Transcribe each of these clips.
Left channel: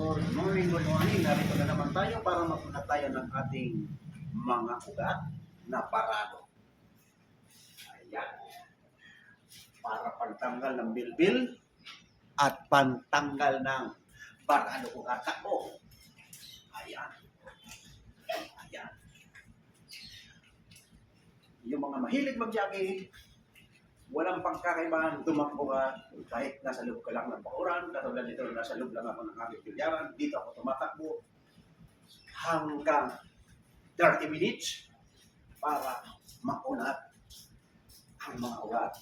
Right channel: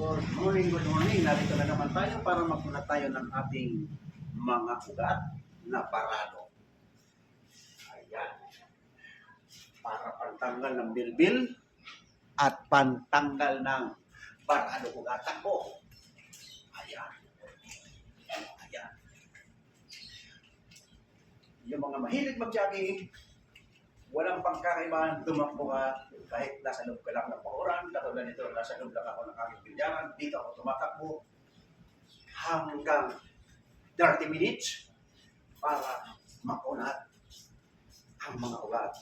Good morning, good morning. Narito na naman tayo para magpunat tayo ng ating mga ugat na parado. Ayan. Para pantanggal ng bilbil at pantanggal ng parado ugat ako. Ayan. Ayan. Yung mga mahilig mag-jogging, walang pagkakaibahan, tumakbo ka kahit nasa loob ka lang ng pauran. Katulad nito, nasa loob lang ako ng aking pilyaran. Dito ako tumatakbo hanggang 30 minutes para makunat ang mga ugat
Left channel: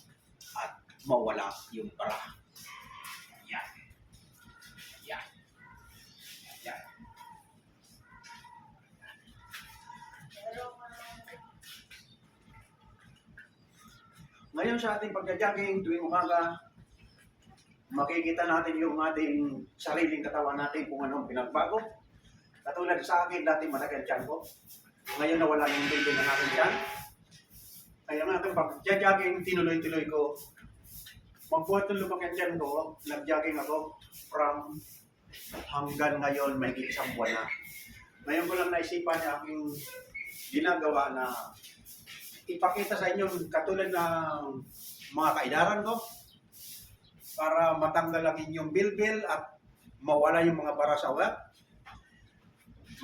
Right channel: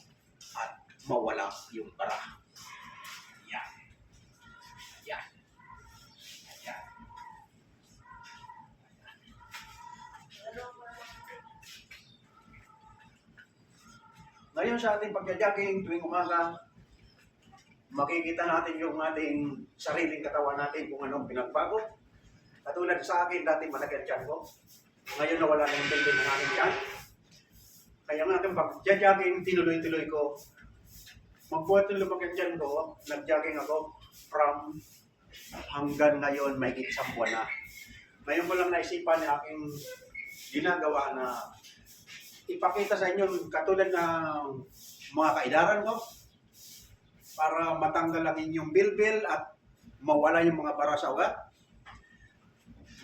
at mawala yung bara. Yan. Yan. Yan. Ngayon sa ating pagja-jogging tuwing umaga, makikita natin yung ating sariling katawan natin kung anong pinagbago. Katulad sa akin, dati malaki ang tiyan ko. Ngayon nawala na yung tindi ng aking tiyan. Kaya nga aking pag-jogging, tinuloy-tuloy ko. Magbuhat ng lumaki ang tiyan ko, nag-jogging ako from hanggang ngayon, may isang buwan na. Ngayon ko lang naisipan na aking ginagawa na ipakita sa inyo katulad ng mga kaidaran ko para matanggal ang inyong bilbil at mawala yung mga bara sa ugat.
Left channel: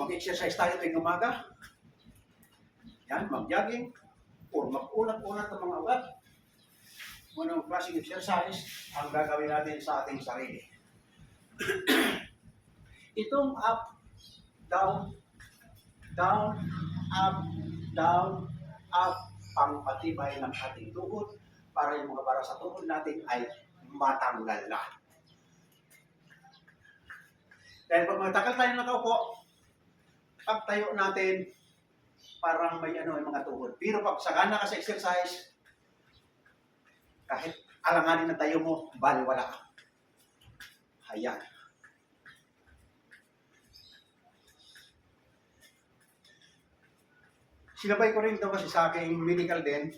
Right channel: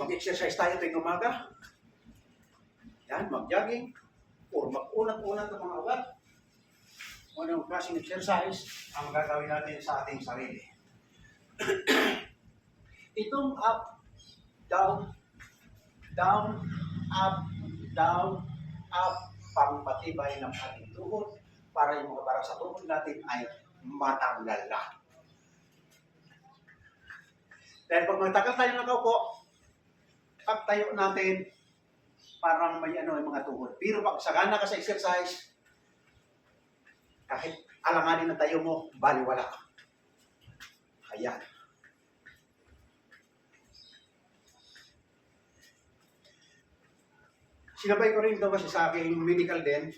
Mag-exercise tayo tuwing umaga. Yan, mag-jogging or mag-unat-unat ng mga ugat. Kung anong klaseng exercise ang gagawin natin sa ating sarili. Itong up, down, down, up, down, up, pangpatibay ng ating tuhod para yung mga bara sa tuhod natin ay matanggal na. Dahil pag matagal tayo nakaupo, pagtayo natin, parang may yung mga tuhod. Pero pag sagana ka sa exercise, kahit alanganin na tayo mo, baliwala ka. Ayan. Sinabay ko rin ito kasi sa aking medical din,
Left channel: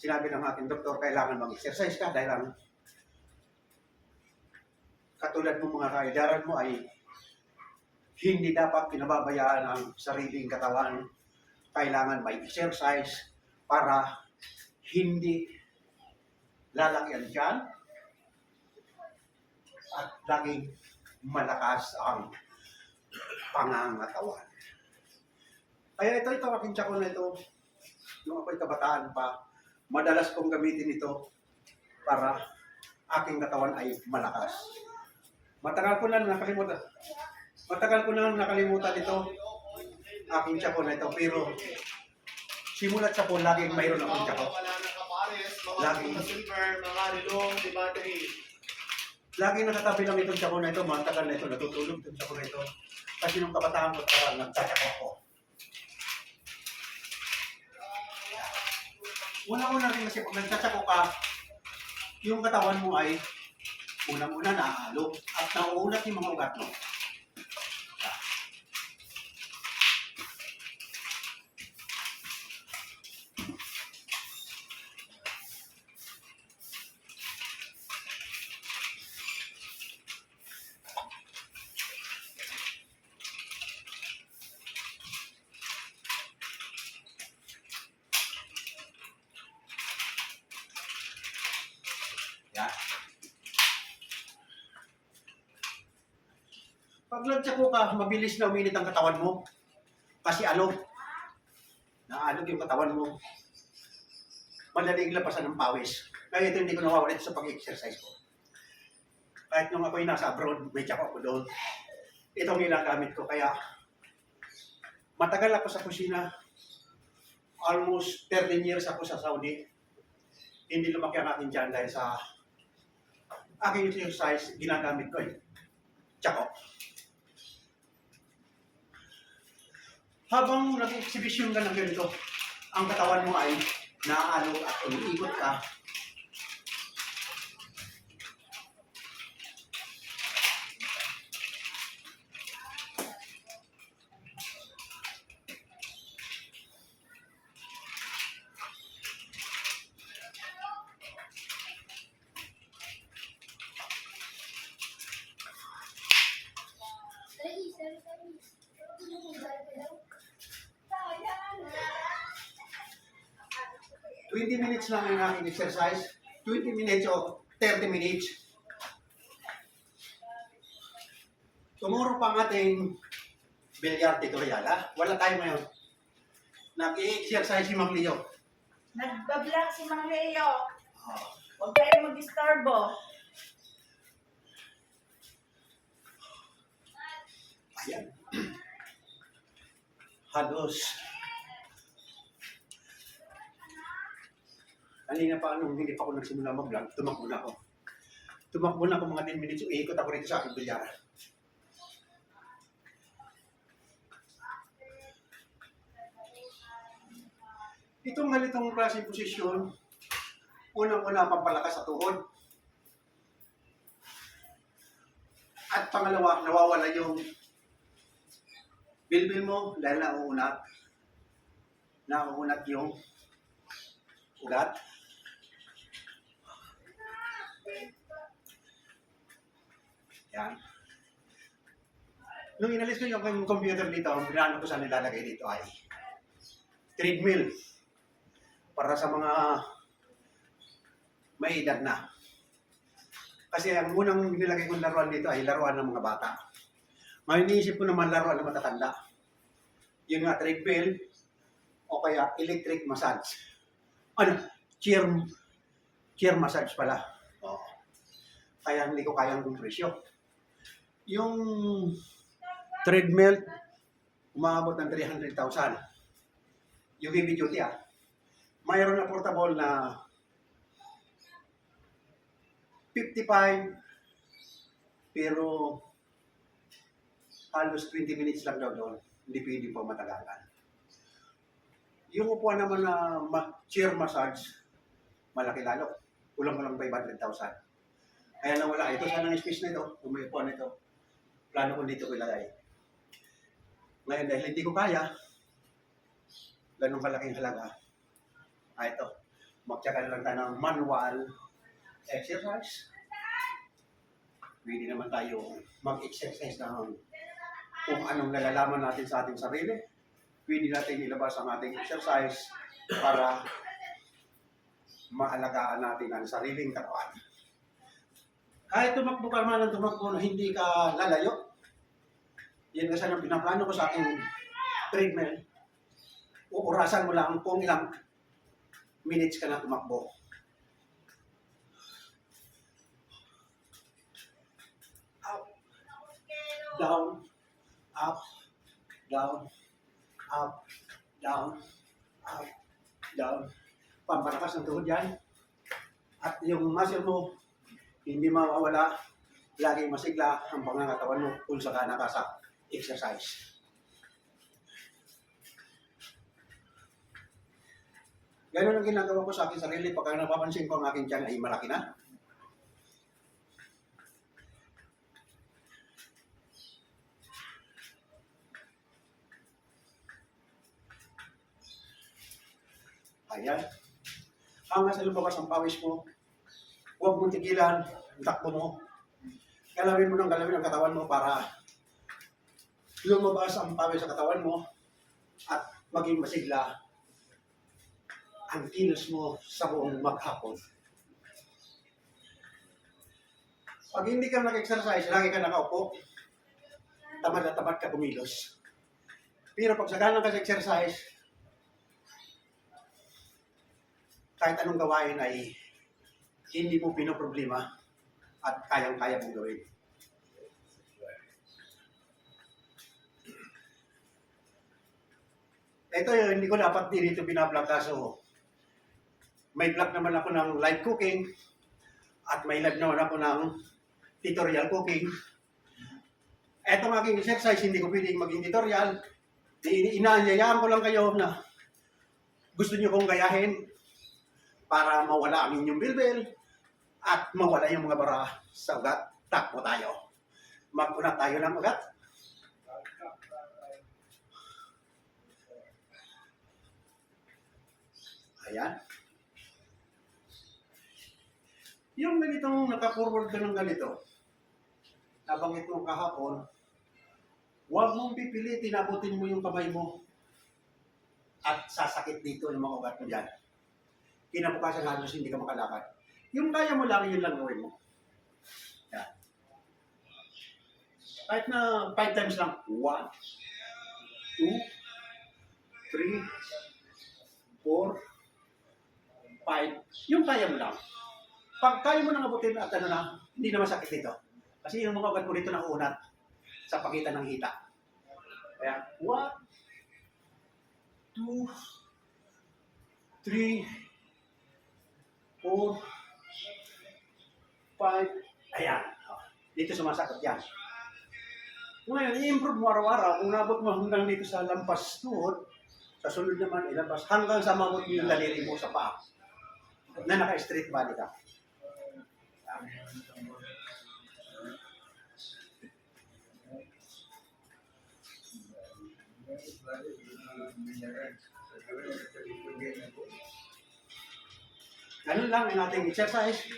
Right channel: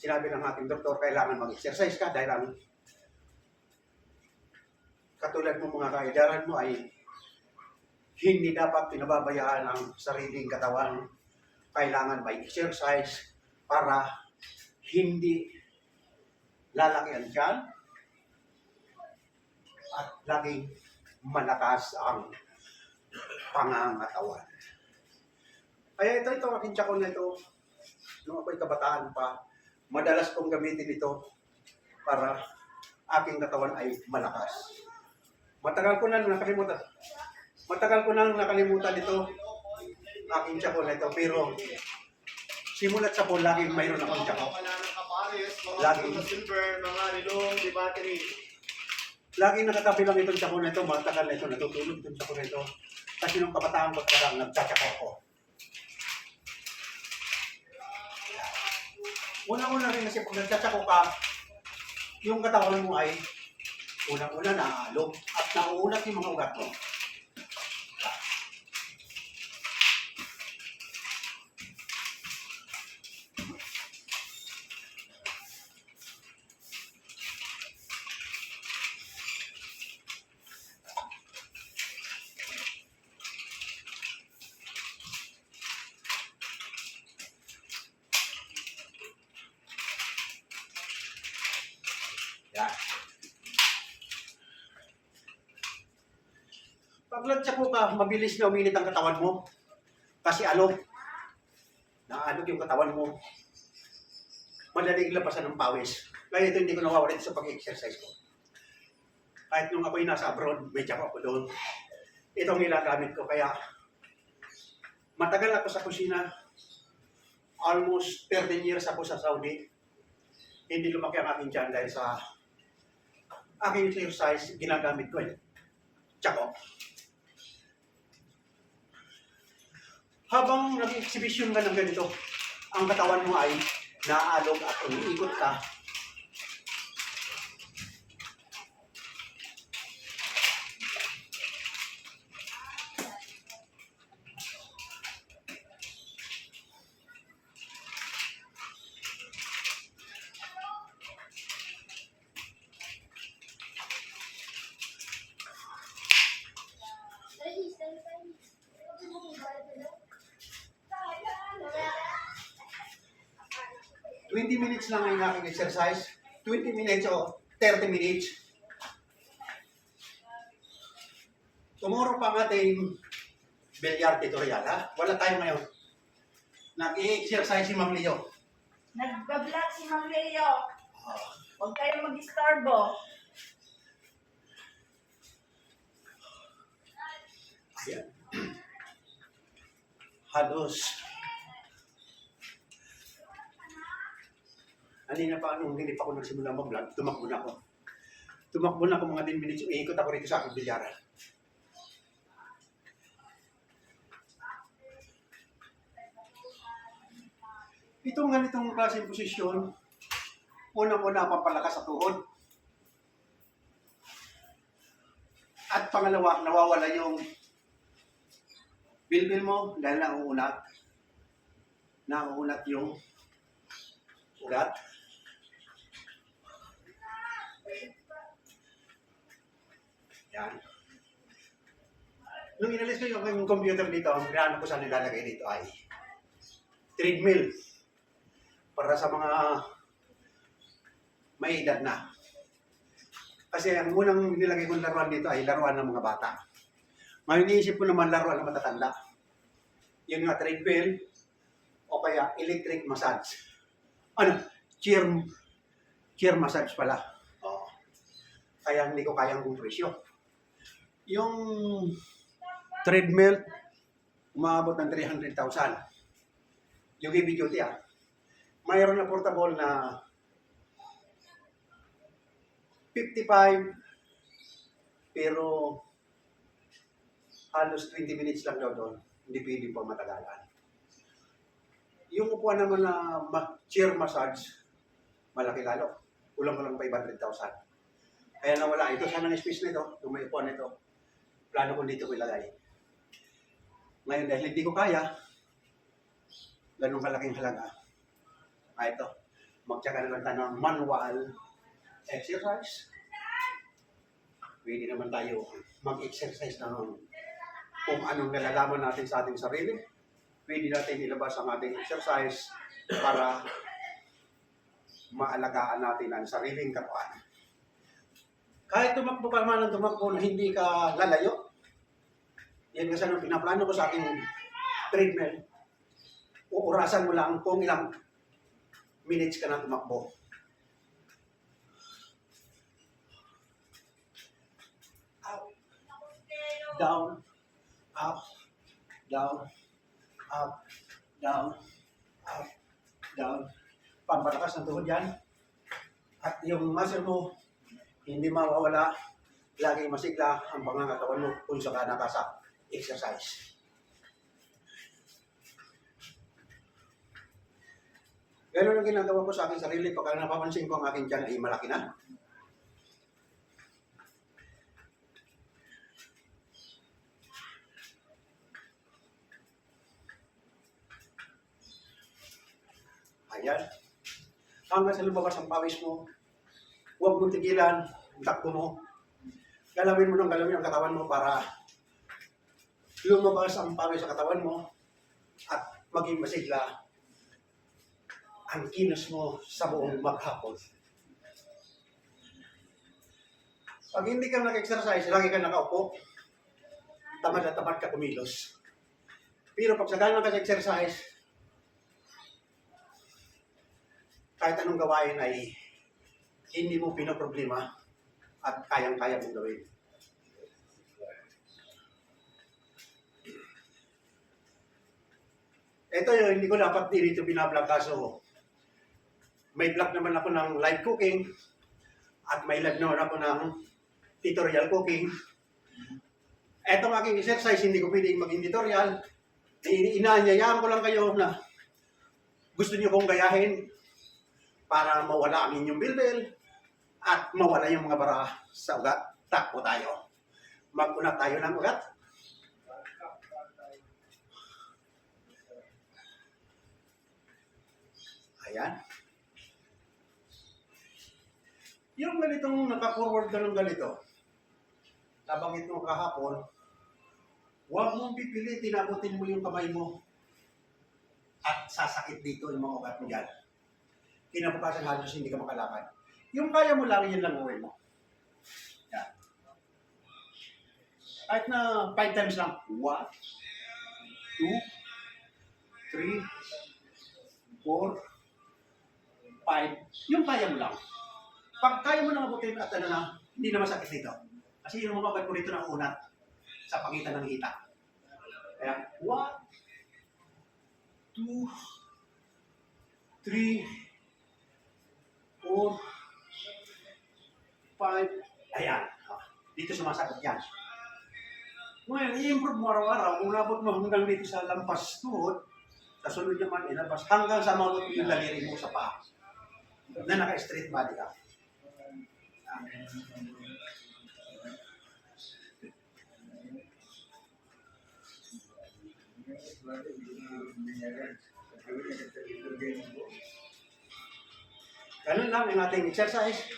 sinabi ng ating doktor, kailangan mag-exercise ka dahil ang katulad mo mga kaidaran mo ay hindi dapat pinababayaan ang sariling katawan. Kailangan may exercise para hindi lalaki ang tiyan at laging malakas ang pangangatawan. Kaya ito aking tsako na ito, nung ako'y kabataan pa, madalas kong gamitin ito para aking katawan ay malakas. Matagal ko nang nakalimutan ito, aking tsako na ito, pero simulat sa po, laging mayroon akong tsako. Laging nakatabi lang itong tsako na ito, matagal na ito, natutulog itong tsako na ito. Kasi nung kabataan ko parang nagtatsako ako. Unang-una rin kasi pag nagtatsako ka, yung katawan mo ay unang-una naaalog at nauunat yung mga ugat mo. Yan. Pag nagtsako ka, mabilis na uminit ang katawan mo. Kasi alog. Naalog yung katawan mo. Madaling labasan ng pawis. Kaya ito hindi ko nawawalit sa pag-exercise ko. Kahit nung ako'y nasa abroad, may tsako ako doon. Itong ginagamit ko. Kaya matagal ako sa kusina. Almost 13 years ako sa Saudi. Hindi lumaki ang aking tiyan dahil sa aking exercise, ginagamit ko tsako. Habang nag-exhibition ka ng ganito, ang katawan mo ay naaalog at umiikot ka. 20 minutes lang ang aking exercise. 20 minutes o 30 minutes. Tomorrow pa ang ating bilyar tutorial, ha? Wala tayo ngayon. Nag-i-exercise si Ma'am Leo. Nagbablog si Mang Leo. Oh. Huwag kayo mag-istorbo. Ayan. Halos. Kanina pa hindi pa ako nagsimula mag-vlog, tumakbo na ako. Tumakbo na ako mga 10 minutes, iikot ako rito sa aking bilyara. Itong ganitong klaseng posisyon, unang-una pampalakas sa tuhod. At pangalawa, nawawala yung bilbil mo dahil nauunat yung ugat. Yan. Nung inalis ko yung computer dito, ang pinano ko sa nilalagay dito ay treadmill para sa mga may edad na. Kasi ang unang nilagay kong laruan dito ay laruan ng mga bata. Ngayon iniisip ko naman laruan ng matatanda. Yung nga treadmill o kaya electric massage. Chair massage pala. Oo. Kaya hindi ko kayang kumpresyo. Yung treadmill, umabot ng 300,000. Yung heavy duty mayroon na portable na 55, pero halos 20 minutes lang daw doon. Hindi pwede pa matagalan. Yung upuan naman na chair massage, malaki lalo. Kulang-kulang 500,000. Kaya nawala. Ito sana ng space na ito. Kung may upuan nito, plano ko dito ko ilagay. Ngayon dahil hindi ko kaya, ganun kalaking halaga. Ito, magtsaka na lang tayo ng manual exercise. Pwede naman tayo mag-exercise ng kung anong nalalaman natin sa ating sarili. Pwede natin ilabas ang ating exercise para maalagaan natin ang sariling katawan. Kahit tumakbo ka naman ng tumakbo na hindi ka lalayo, yan kasi ang pinaplano ko sa aking treadmill. Uurasan mo lang kung ilang minutes ka na tumakbo. Up, down, up, down, up, down, up, down. Pampalakas ng tuhod yan. At yung muscle mo, hindi mawawala. Laging masigla ang pangangatawan mo kung saka ka sa exercise. Ganun ang ginagawa ko sa aking sarili. Pagka napapansin ko ang aking tiyan ay malaki na. Ayan. Hanggang sa lumabas ang pawis mo, huwag mong tigilan ang takbo mo. Galawin mo ng galawin ang katawan mo para lumabas ang pawis sa katawan mo at maging masigla ang kilos mo sa buong maghapon. Pag hindi ka nag-exercise, lagi ka nakaupo, tamad na tamad ka kumilos. Pero pag sagalan ka sa exercise, kahit anong gawain ay hindi mo pinoproblema at kayang-kaya mong gawin. Ito yun, hindi ko dapat dito binablog kaso may vlog naman ako ng live cooking at may live naman ako ng tutorial cooking. Etong aking exercise, hindi ko pwedeng maging tutorial. Inaanyayaan ko lang kayo na gusto niyo kong gayahin para mawala ang inyong bilbil at mawala yung mga bara sa ugat. Takbo tayo. Mag-una tayo ng ugat. Ayan. Yung ganitong naka-forward ka ng ganito, nabanggit mo kahapon, huwag mong pipilitin, abutin mo yung kamay mo at sasakit dito yung mga ugat mo dyan. kinabukasan halos hindi ka makalakad. Yung kaya mo lang, yun lang gawin mo. Yan. Kahit na 5 times lang. 1, 2, 3, 4, 5. Yung kaya mo lang. Pag kaya mo nang abutin at ano na, hindi na masakit dito. Kasi yung mga ugat mo dito nakunat sa pagitan ng hita. Kaya, 1, 2, 3, 4, 5. Ayan. Dito sumasakit yan. Ngayon, i-improve mo araw-araw. Kung nabot mo hanggang dito sa lampas tuhod, sa sunod naman ilabas, hanggang sa mabot mo yung daliri mo sa paa. Na naka-straight body ka. Ganun lang ang ating exercise.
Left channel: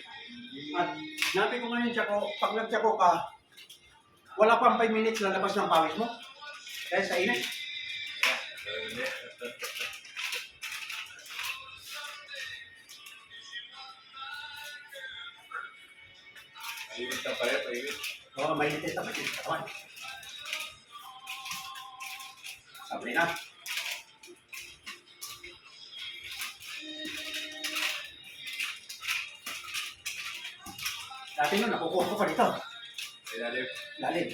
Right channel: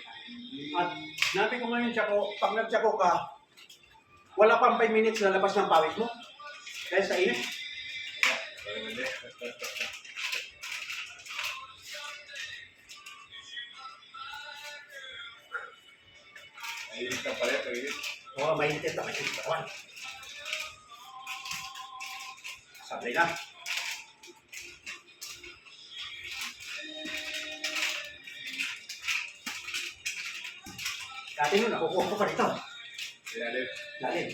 At natin ko ngayon, Tsako, pag nag-Tsako ka, wala pang 5 minutes na labas ng pawis mo. Dahil sa init. Mainit ka pala, mainit. Oo, mainit na mainit sa katawan. Sabi na. Dati nun, nakukuha ko pa dito. Ilalim. Lalim.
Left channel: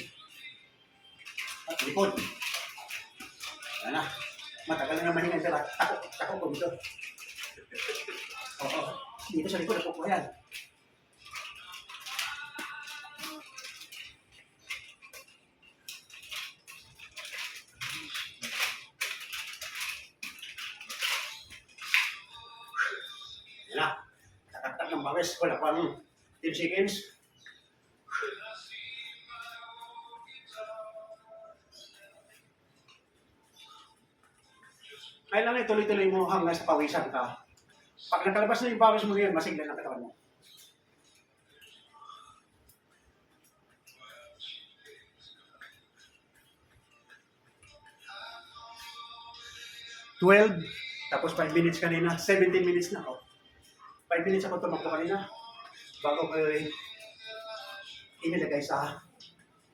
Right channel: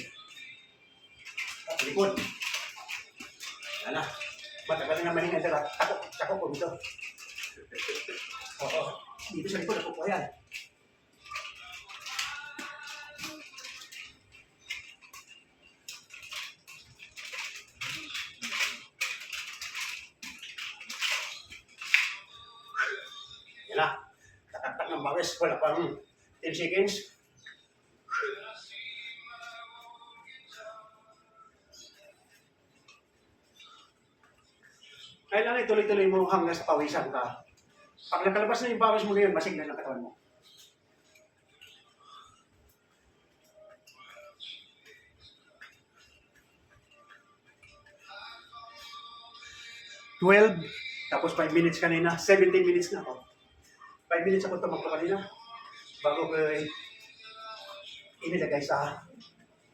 At likod. Wala na. Matagal na naman yung tako ko dito. Oo. Dito sa likod, nakukuha yan. Yan na. Tatak ng bawis. Wala pang 10 seconds. Kailangan ituloy-tuloy mo hanggang sa pawisan ka. Pag nakalabas na yung pawis mo ngayon, masignan ang katawan mo. Tapos 5 minutes kanina, 17 minutes na ako. 5 minutes ako tumakbo kanina bago ko inilagay sa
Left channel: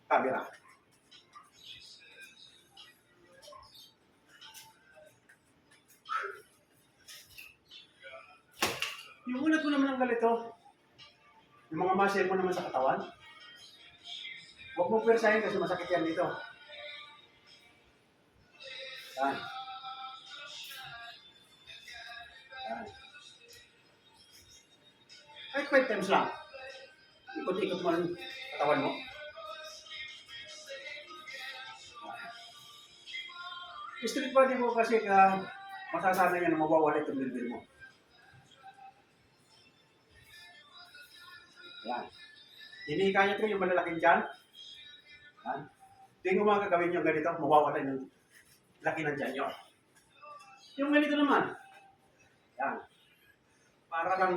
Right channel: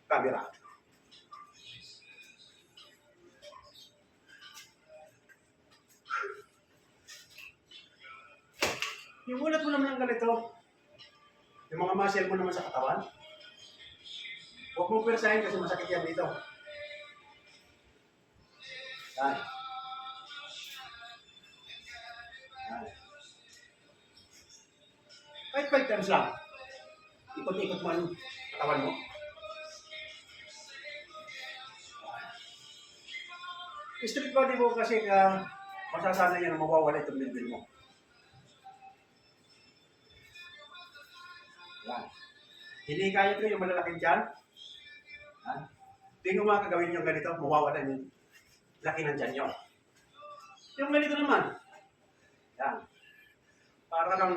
camera. Yung ulat mo naman ang ganito, yung mga muscle mo naman sa katawan, huwag mo persahin kasi masakit yan dito. Yan. Yan. Kahit 5 times lang. Ikot-ikot mo ang katawan mo. Street body mo kasi masasanay yan na mawawala itong bilbil mo. Yan. Hindi kaya ko yung malalaking dyan. Yan. Tingnan mo mga gagawin yung ganito, mawawala yung laki ng dyan nyo. Yung ganito naman. Yan. Para lang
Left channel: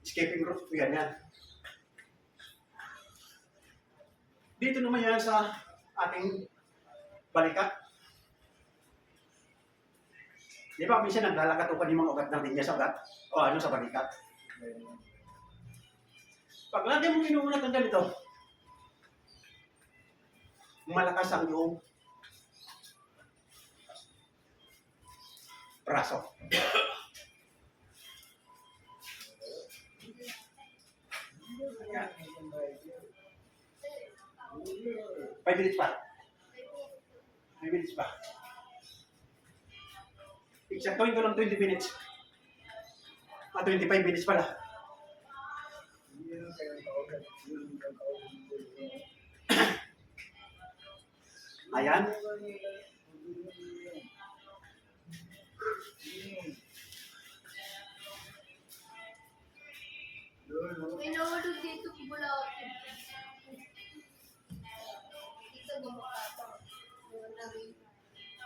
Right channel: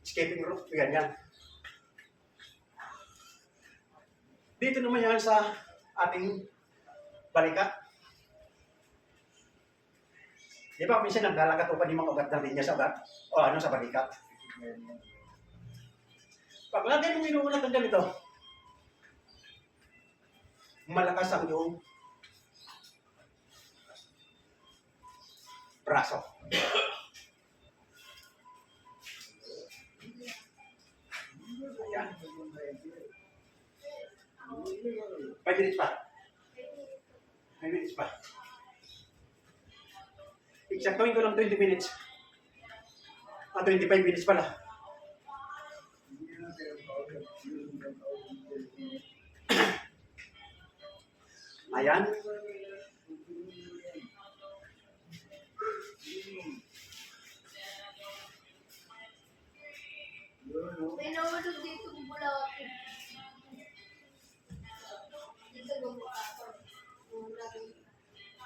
escaping rope. Yan yan. Dito naman yan sa ating balikat. Di ba minsan naglalakatukan yung mga ugat ng linya sa ugat? O ano sa balikat? Pag lagi mong inuulat ang ganito, malakas ang iyong braso. Ayan. 5 minutes pa. 5 minutes pa. Eksaktuhin ko lang 20 minutes. 25 minutes pala. Ayan. May nahulog dito mula dito gumakato.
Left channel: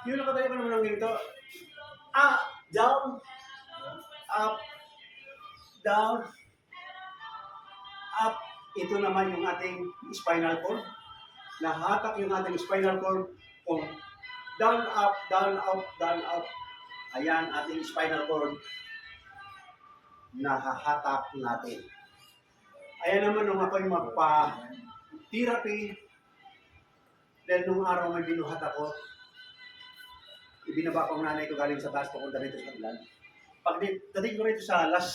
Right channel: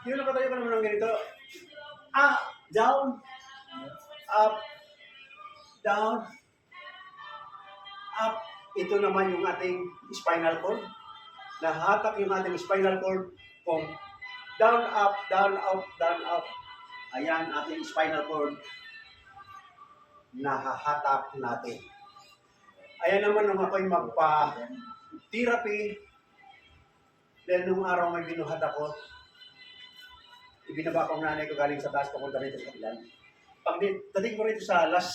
Yun, nakatayo ka naman ng ganito. Down. Up. Down. Up. Ito naman yung ating spinal cord. Nahatak yung ating spinal cord kung down, up, down, up, down, up. Ayan, ating spinal cord. nahahatak natin. Ayan naman nung ako'y magpa-therapy, dahil nung araw may binuhat ako, ibinaba ko ang nanay ko galing sa taas papunta rito sa kabilang. Pag dating ko rito sa Las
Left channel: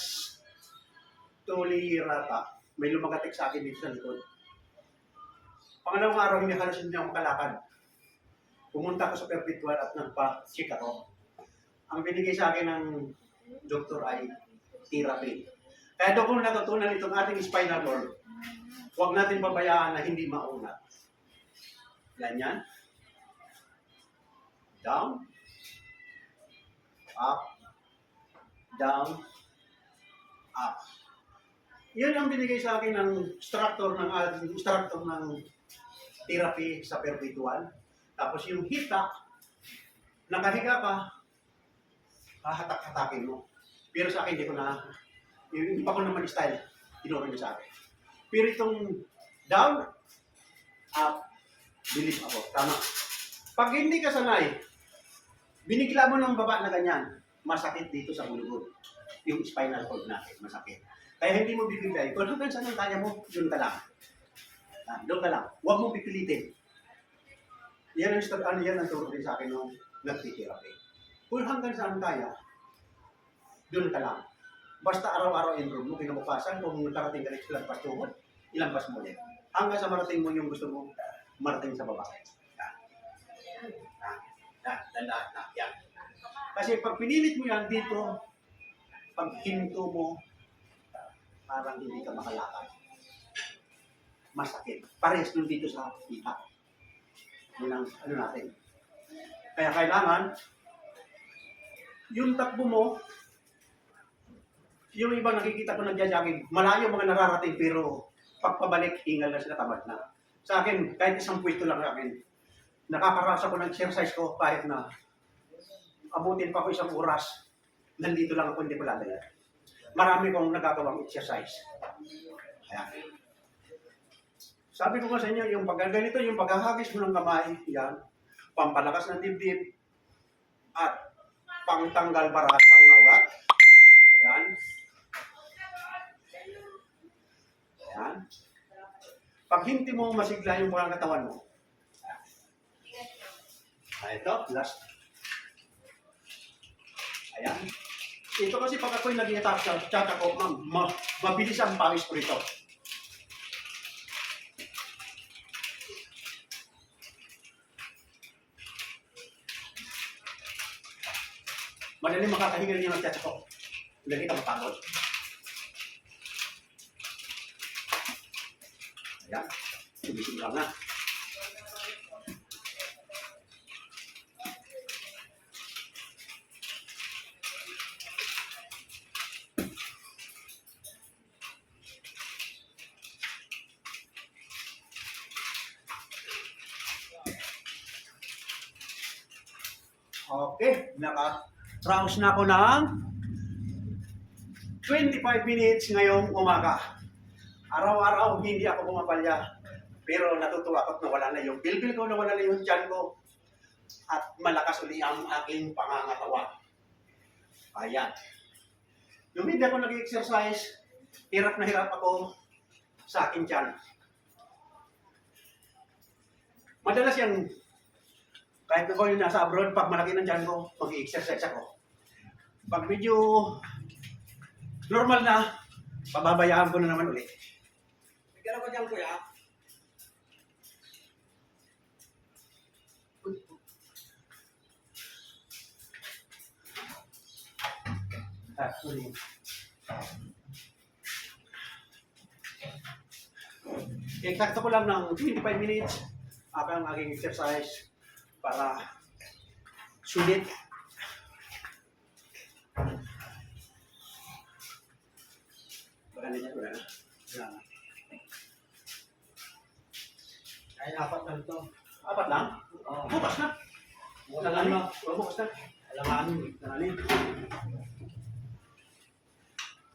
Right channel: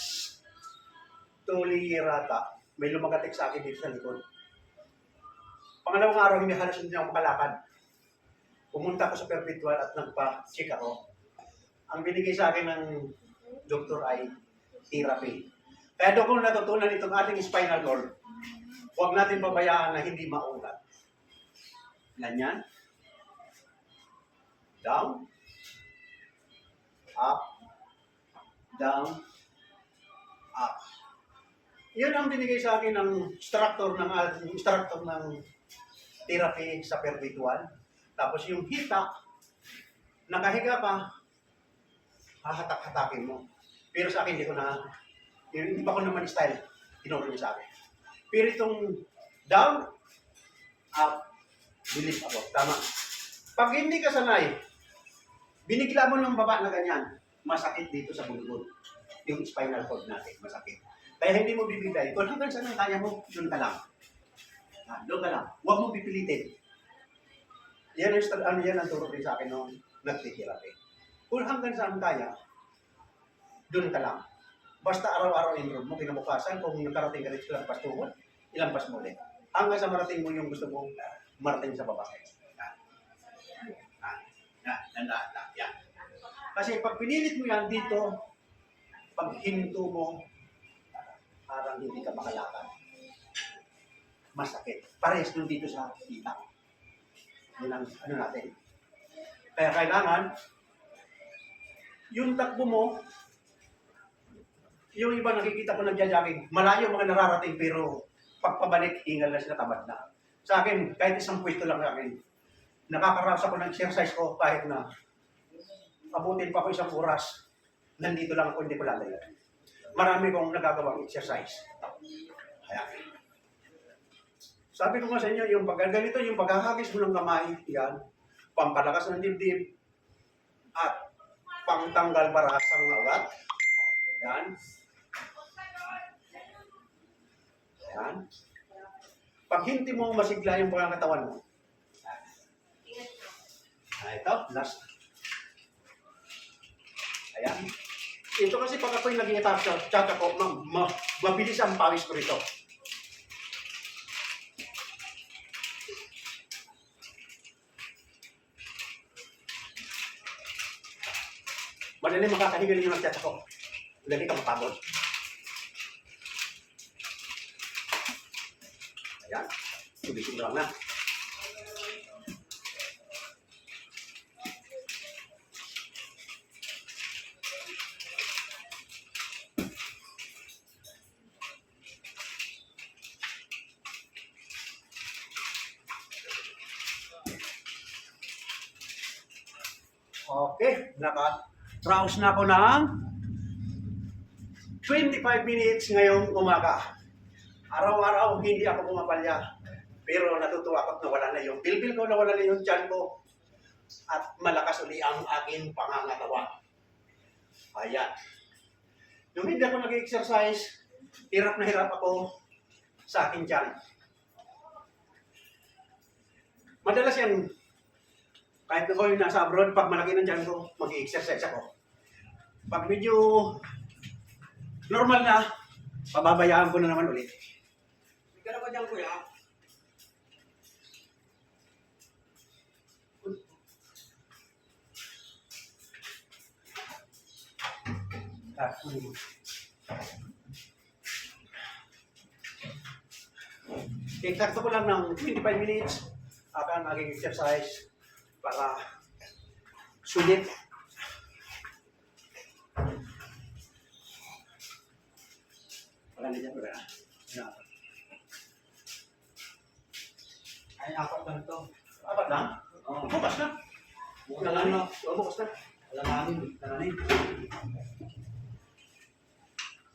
Tolirata, may lumagatik sa akin dito sa likod. Pangalawang araw, hindi halos hindi ako makalakad. Pumunta ako sa Perpetual at nagpa-check ako. Ang binigay sa akin ng doktor ay therapy. Kaya doon kung natutunan itong ating spinal cord, huwag natin pabayaan na hindi maunat. Ganyan. Down. Up. Down. Up. Yun ang binigay sa akin ng instructor ng therapy sa Perpetual. Tapos yung hita, nakahiga ka, hahatak-hatakin mo. Pero sa akin, hindi pa ko naman style, tinuro niya sa akin. Pero itong down, up, believe ako. Tama. Pag hindi ka sanay, binigla mo ng baba na ganyan, masakit dito sa gulgod. Yung spinal cord natin, masakit. Kaya hindi mo bibigay. Kung hanggang saan ang kaya mo, yun ka lang. Doon ka lang. Huwag mo pipilitin. Yan ang turo din sa akin nung nagtitherapy. Kung hanggang saan kaya, doon ka lang. Basta araw-araw improve mo, kinabukasan, kung nakarating ka rin sa lampas tuhod, ilampas mo ulit. Hanggang sa marating mo yung gusto mo, marating sa baba. Yan. Kasi pag pinilit mo yan dito, pag hinto mo, parang hindi ka makalakad. Masakit. Parehas doon dito sa kita. Yun ang natin. Kaya kailangan, yung takbo mo, yung iba nakikita ko nagja-jogging, malayo mga nararating pero pagpabalik, hingal na sila, tamad na. Sa akin, kahit isang pwesto lang sa akin, nakakarasa ko ng exercise ko kahit na abutin pa ko isang oras, nandito lang ako, hindi ko lalayan. Marami kong nagagawang exercise. Ayan. Sabi ko nga sa inyo, yung pagganito, yung paghahagis mo ng kamay, yan, pampalakas ng dibdib, at pangtanggal barasang ugat. Yan. Yan. Pag hindi mo masigla yung pangangatawan mo. Ito, last. Ayan. Ito kasi pag ako'y nag-i-attack sa chat ako, mabilis ang pawis ko rito. Madali makakahigal yung mag-chat ako. Lagi ka mapagod. Ayan. Tubisin lang na. Okay, naka-rouse na ako ng 25 minutes ngayong umaga. Araw-araw hindi ako pumapalya, pero natutuwa ako at nawala na yung bilbil ko, nawala na yung tiyan ko, at malakas uli ang aking pangangatawan. Ayan. Nung hindi ako nag-exercise, hirap na hirap ako sa aking tiyan. Madalas yan, kahit ako yung nasa abroad, pag malaki ng tiyan ko, mag-i-exercise ako. Pag medyo normal na, pababayaan ko na naman ulit. May gano'n ba dyan, kuya? Eksakto ko lang ng 25 minutes ang aking exercise para sulit. Baka na dyan, wala na. Ay, apat lang to. Apat lang? Oo. Bukas na. Bukas na lang, no? Bukas na. Alanganin. Tanganin.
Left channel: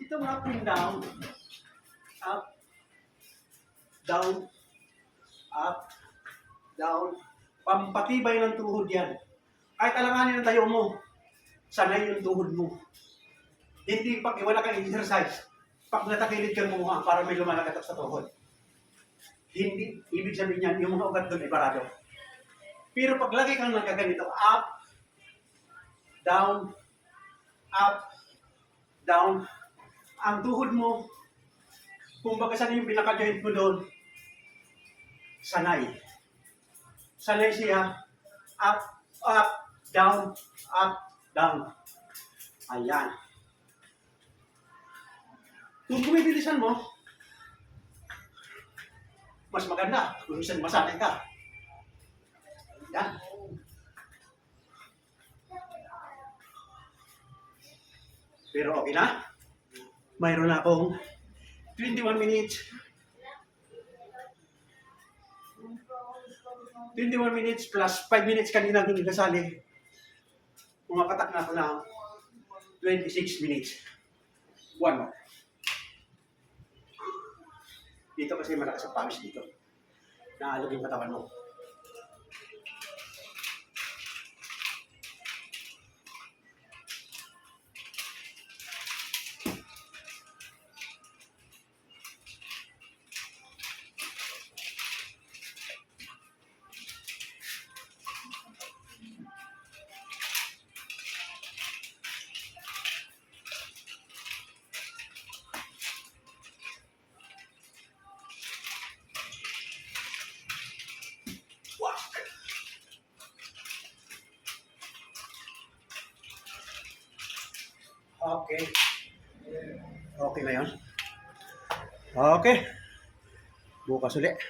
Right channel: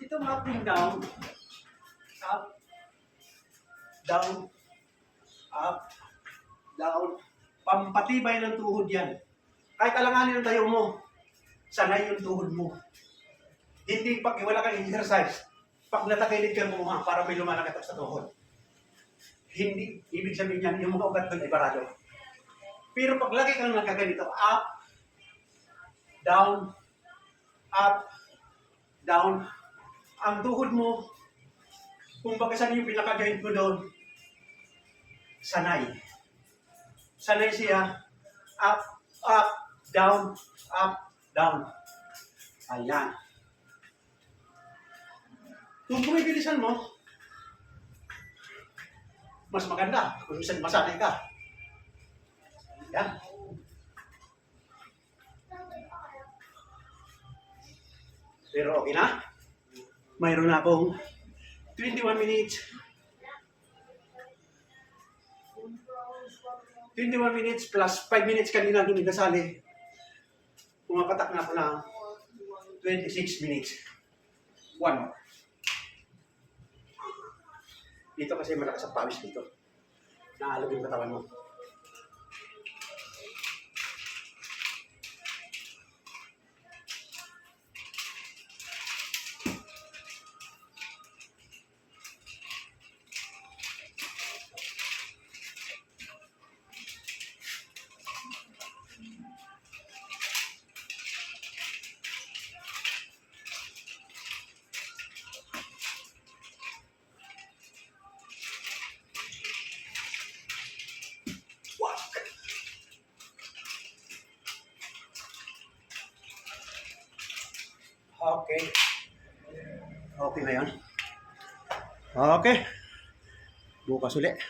Ito mga up and down. Up. Down. Up. Down. Pampatibay ng tuhod yan. Kahit alanganin ang tayo mo, sanay yung tuhod mo. Hindi pag wala kang exercise, pag natakilid ka mo para may lumalakatok sa tuhod. Hindi, ibig sabihin niyan, yung mga ugat doon ay barado. Pero pag lagi kang nagaganito, up, down, ang tuhod mo, kung baka saan yung pinaka-joint mo doon, sanay. Sanay siya, up, down, down. Ayan. Kung bumibilisan mo, mas maganda kung saan masanay ka. Ayan. Pero okay na. Mayroon na akong 21 minutes. 21 minutes plus 5 minutes kanina hindi kasali. Pumapatak na ako ng 26 minutes. One more. Dito kasi malakas ang pawis dito. Naalog yung katawan mo. Okay. Okay na yun. Okay. Bukas ulit.